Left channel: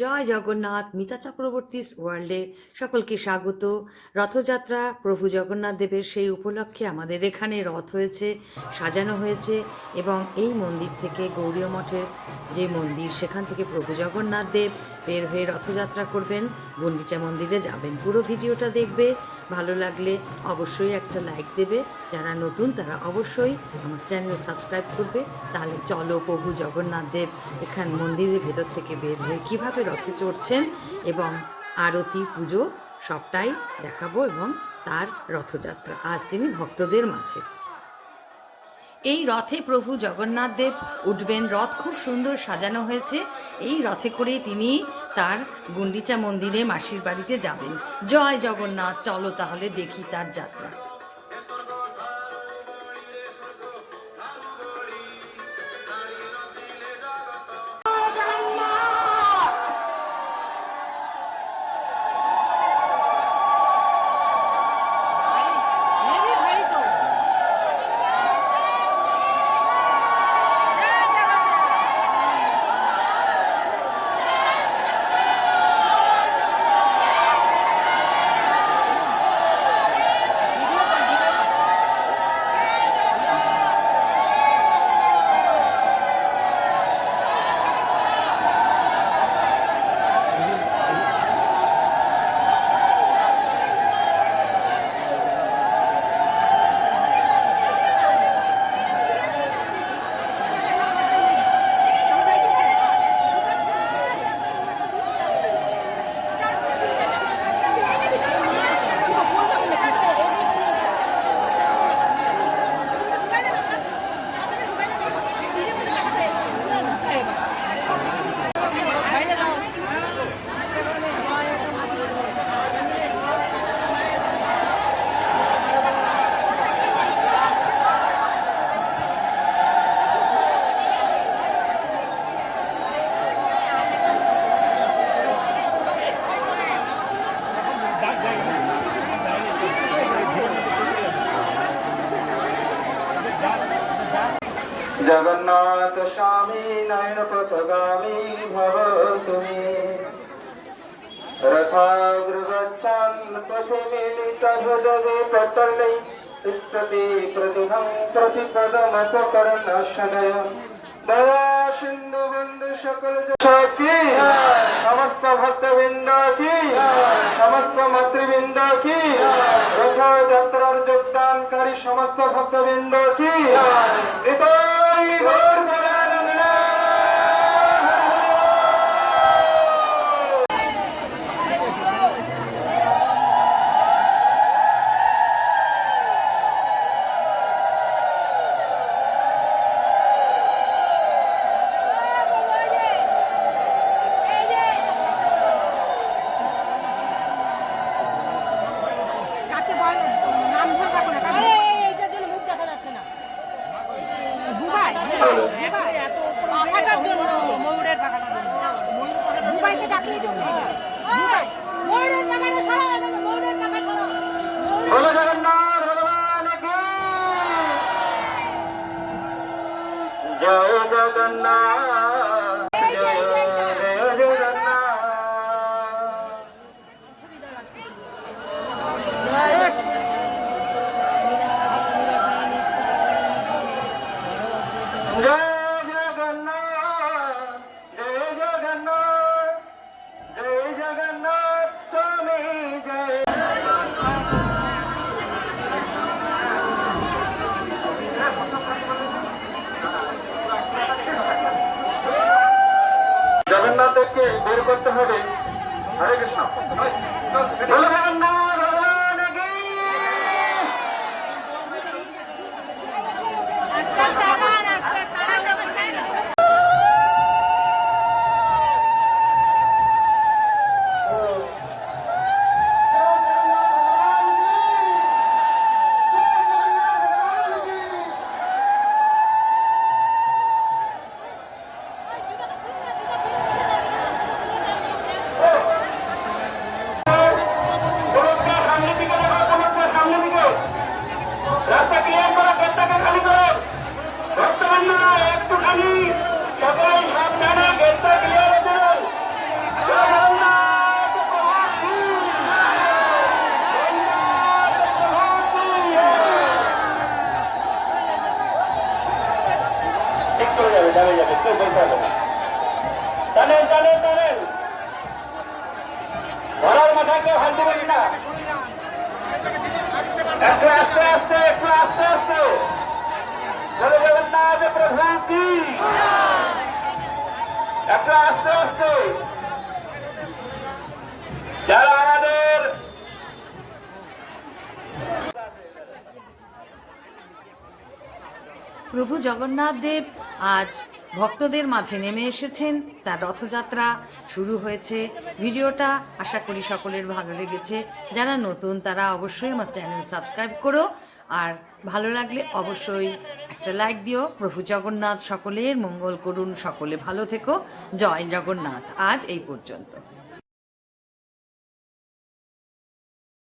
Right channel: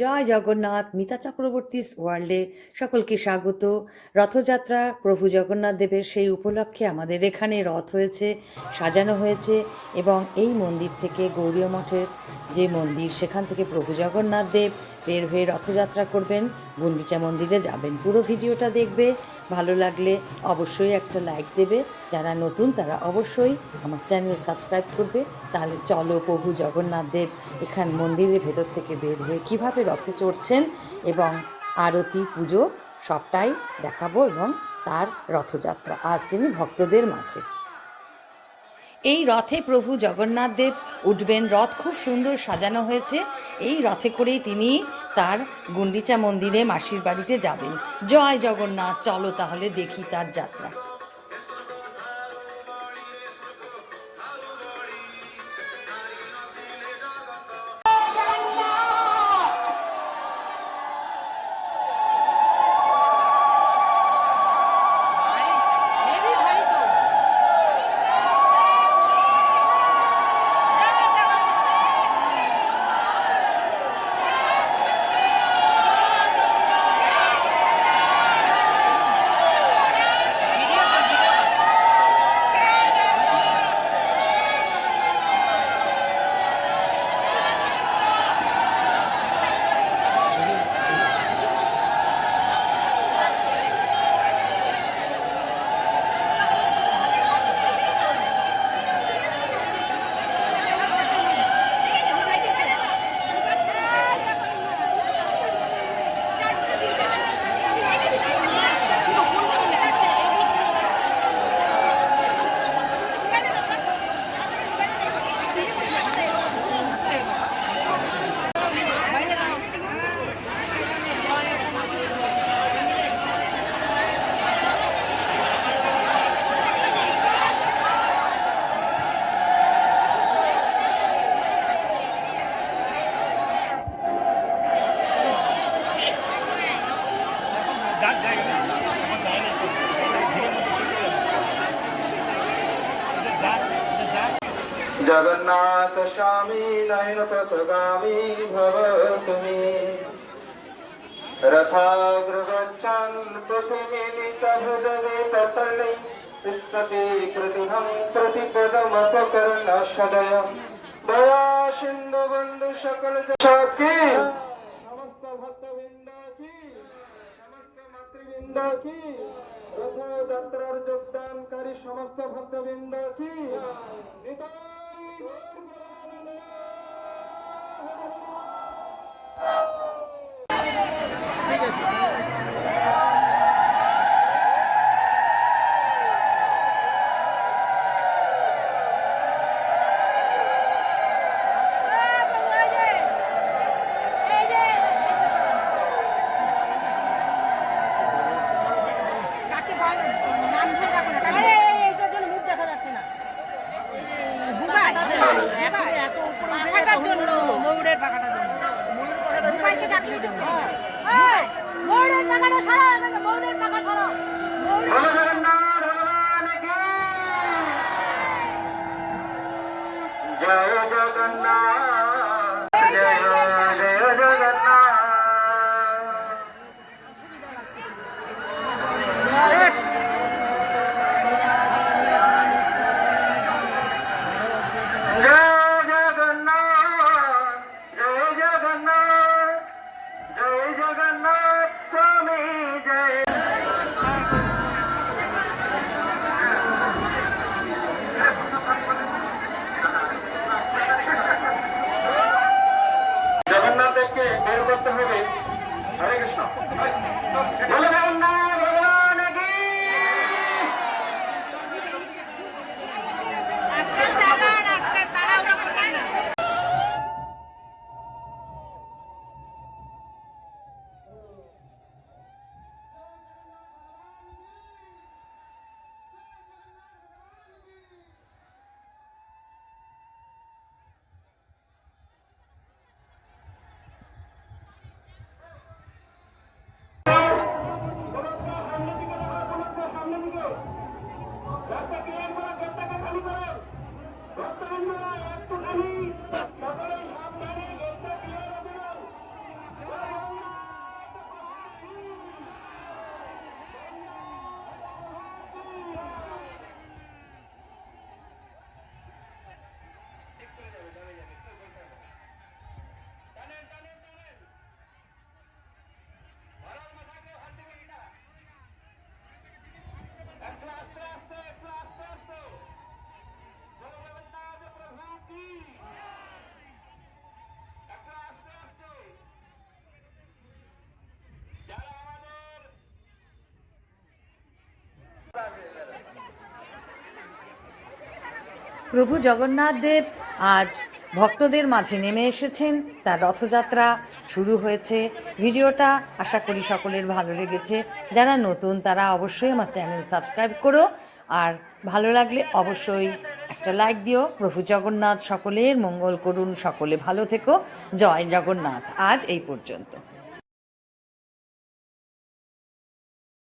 জয় জগন্নাথ মিতা চক্রবর্তী ওয়ার্ল্ডে সকলকে স্বাগত। রথযাত্রা প্রভু জগন্নাথ দেবের সেই উপলক্ষে আমাদের এখানে রথ হয়েছে, সাজানো হয়েছে এবং এই মন্দির থেকে গৌরীয় মঠের যে মন্দির, সেখান থেকে প্রভু জগন্নাথ দেব বের হয়ে রথযাত্রা করবেন। গুন্ডিচা মন্দিরে যাবেন। পুরো ভিডিওটা দেখবে। ভালো লাগলে অবশ্যই একটা লাইক দেবে। যারা নতুন, তারা অবশ্যই আমার চ্যানেল সাবস্ক্রাইব করবে। তাহলে চলো প্রভু জগন্নাথ দেব এখান মন্দিরের ভেতর থেকে বের হয়ে কীভাবে রথে চড়ছেন এবং আরতি, পুজো সবটাই দেখাবো এবং তার রথযাত্রা। আজ তিনি ভক্তদের মাঝে। এই রথে প্রভু জগন্নাথ দেব উঠবেন। রথ খুব সুন্দর সাজানো হয়েছে। এই রথে করেই তিনি তার গুন্ডিচা মন্দিরে মাসির বাড়িতে যাবেন। জয় জগন্নাথ, চলো তাহলে দেখি তার যাত্রা। জগন্নাথ স্বামী নয়ন পথগামী ভব তুমি রথাগ্রগচ্ছन् প্রতিমিলিত স্ততি প্রতিহং প্রতিপদমপকরণ সদয়। দয়া সিন্ধু কি? সমস্ত ভক্তবৃন্দ কি? সমস্ত মাতৃবৃন্দ কি? যোগদানকারী সমস্ত ভক্তবৃন্দ কি? পাখাটার জন্য ময়ূরের পাখাটার জন্য বুবাইকে ডাকলেই তো ময়ূরের পাখাটা সরা ময়ূরের পাখা সরা জয় জগন্নাথ। বলো কেউ বলতে হবে না টানেন টানেন টানেন ঘোড়ার মাথায় কেউ হাত দেবেন না একটু আস্তে আস্তে একটু আস্তে আস্তে জয় প্রভু কি একটু আস্তে আস্তে যারা আমাদের প্রভু জগন্নাথ দেব আজ ভক্তদের মাঝে নেমে এসেছেন। তার রথযাত্রা শুরু হয়েছে। ভিডিওটা আশা করি সকলের ভালো লেগেছে। যারা নতুন, তারা অবশ্যই আমার চ্যানেল সাবস্ক্রাইব করো। আর ভালো লাগলে অবশ্যই একটা লাইক দিও। প্রভু জগন্নাথ সকলের মঙ্গল করুন। সকলে ভালো থেকো। জয় জগন্নাথ। আজ এই পর্যন্ত।